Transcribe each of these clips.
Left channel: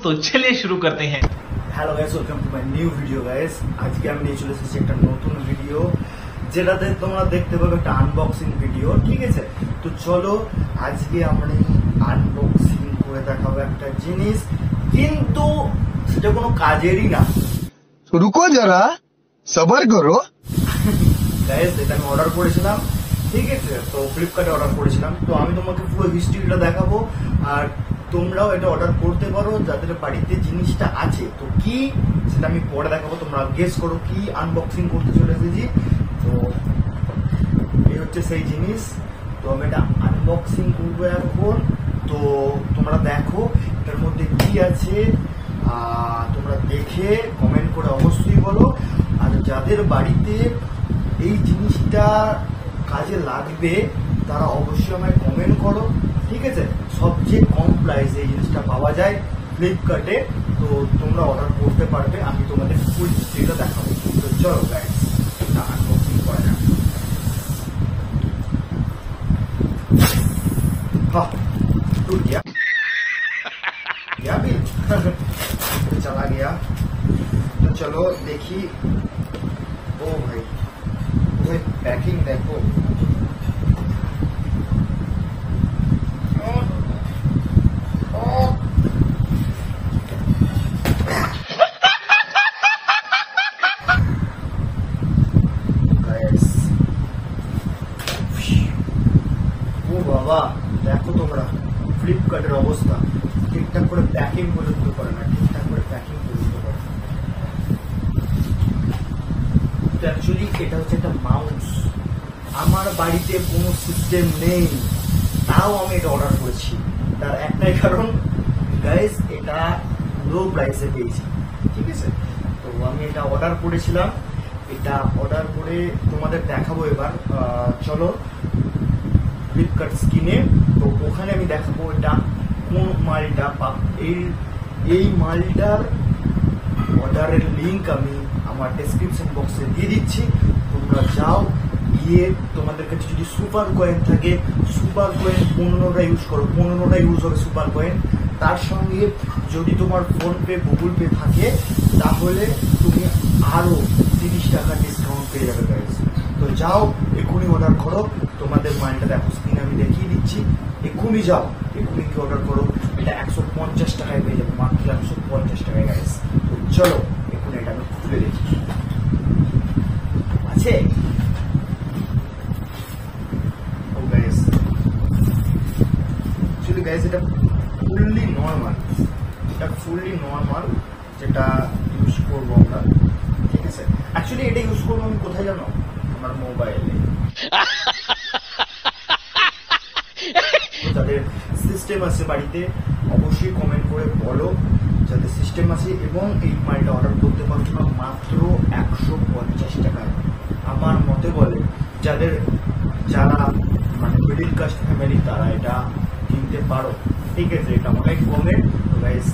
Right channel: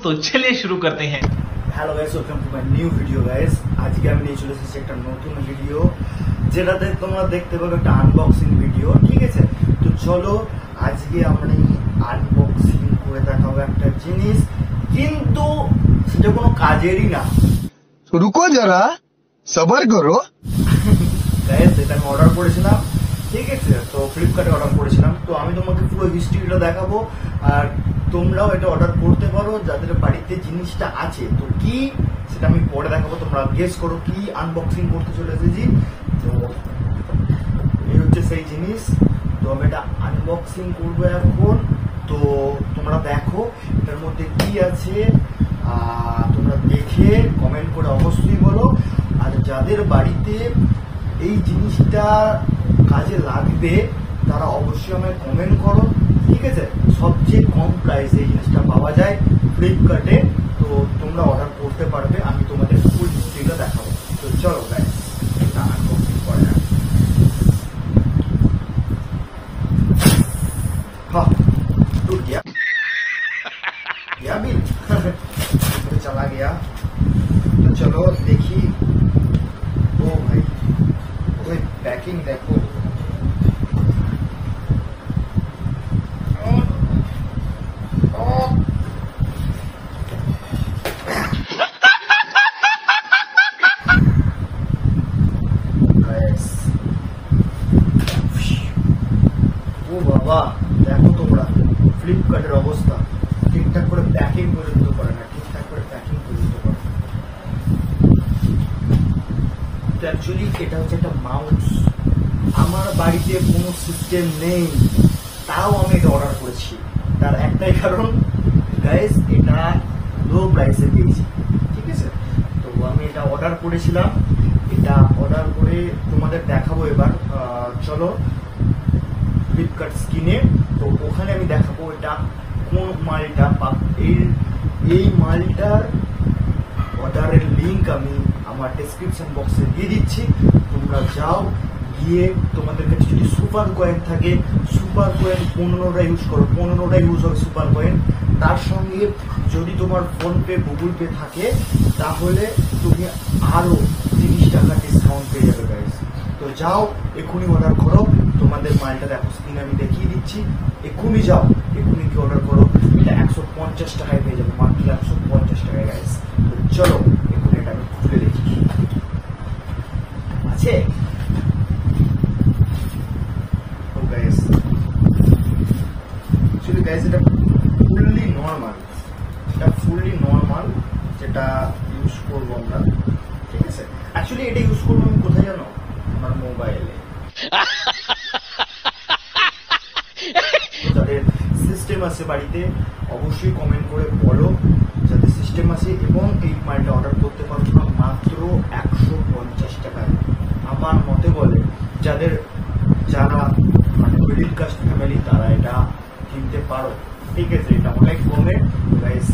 तो चलिए शुरू करते हैं। Hello guys, welcome to my new video guys. আজকে আমি নিয়ে চলে এসেছি একটা নতুন ভিডিও, যেটাতে তোমরা দেখতে পাবে একটা আনবক্সিং ভিডিও। ঠিক আছে, তো চলো আজকে আমরা আনবক্সিং করে দেখাবো একটা জিনিস, কিন্তু সেটা কোনো কাজেরই না। রুকো যারা, সবার করো গাইস, এটা আমি অর্ডার করেছিলাম, ঠিক আছে, তো ফ্লিপকার্টে অর্ডার করেছিলাম। তো আমি তোমাকে পুরো হিস্ট্রিটা দেখাবো, আর তোমরাও এটা অর্ডার করতে পারো যাদের বাড়িতে জিনিসটা আছে। তো কি সেটা আমি পরে দেখাবো, তোমরা গেস করো কি আনবক্সিং করতে চলে এসেছি। তো এই হচ্ছে সেই জিনিস, তো আমি এটা আনবক্সিং করবো এখন। তো তোমরা দেখো এটার মধ্যে কি আছে, তোমরা দেখে কমেন্ট করে অবশ্যই বলো। আর যাদের বাড়িতে এই জিনিসটা কাজে লাগবে তারা অবশ্যই আমায় কমেন্ট করো, ঠিক আছে। সবচেয়ে কম প্রাইসে এই জিনিসটা পাওয়া যায় ফ্লিপকার্টে, তো তোমরা অর্ডার করতে পারবে। আমি তোমাদের ফুল হিস্ট্রিটা দেখাবো। তো চলো গাইস, এটা আনবক্সিং করে না। टूट गया बिल तो चला गया। तो चलो देखी, ओ भाई वो पैकिंग देखो, ও বাবা দেখো তোমরা ফ্লিপকার্টের অবস্থা, ঠিকঠাক করে প্যাকিং পর্যন্ত করে না, ঠিকঠাক করে প্যাকিং পর্যন্ত করে না। তো অ্যাকচুয়ালি এটা হচ্ছে একটা মাউস। আমার বাড়িতে কোনো সিস্টেম নেই, তাও আমি এটা অর্ডার করেছি। তার একটাই কারণ গাইস, এটা লো প্রাইসে পেয়েছি, ঠিক আছে। তো আমি এটা অর্ডার করেছিলাম, এটা অর্ডার করে তোমাদের দেখাবো এবার। চলো ফ্লিপকার্ট স্ক্রিনে, তো ওখানে আমি দেখাবো এটা কোন মালটা। এই মালটার অর্ডারের লিঙ্ক আমি আমার ডেসক্রিপশন বক্সে দিয়ে দিচ্ছি। তোমরা যাও, গিয়ে তোমাদের কাছে যদি সুপার কয়েন থাকে, সুপার কয়েন 15টা ইউজ করো, 15টা ইউজ হবে সুপার কয়েন। তার সঙ্গে যদি তোমার ফোনপে গুগল পে থাকে তাহলে তুমি আরো 30 টাকা ডিসকাউন্ট পেয়ে যাবে গাইস। তো যাও এক্ষুনি অর্ডার করো, তোমাদের মালটা দেখো স্ক্রিনে আমি দেখিয়ে দিচ্ছি। এক্ষুনি যাও, এক্ষুনি কি অর্ডার করো, এটা 150 টাকায় পেয়ে যাবে, মাত্র 150 টাকায় গাইস। তো চলো এক্ষুনি এটা আমি খুলে দেখি আছে। ও গাইস, অ্যাকচুয়ালি গাইস এটা ফুললি নর্মাল, এটা ফুললি নর্মাল যেটা ইউজ করবো আমরা, ঠিক আছে। অ্যাকচুয়ালি এটা ইউজ করবো আমি কোথায় জানো, আমার মোবাইলে। যাদের সিস্টেম আছে বাড়িতে অবশ্যই কমেন্ট করে বলো যাদের সিস্টেম আছে, এবং এই মালটা অর্ডার করতে পারছো না মাত্র 150 টাকায়। আমার মতে বলে যারা মানে মিডিল ক্লাস ফ্যামিলি তারা এটা কিনতে পারো, ঠিক আছে। এটা অনেক কমে। গাইস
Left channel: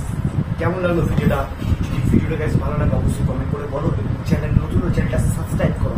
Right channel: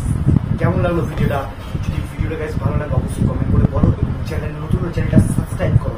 কেমন লাগলো ভিডিওটা? যদি ভিডিওটা গাইস ভালো লাগে অবশ্যই কমেন্ট করে বলো, এবং চ্যানেল নতুন চ্যানেলটা সাবস্ক্রাইব করো।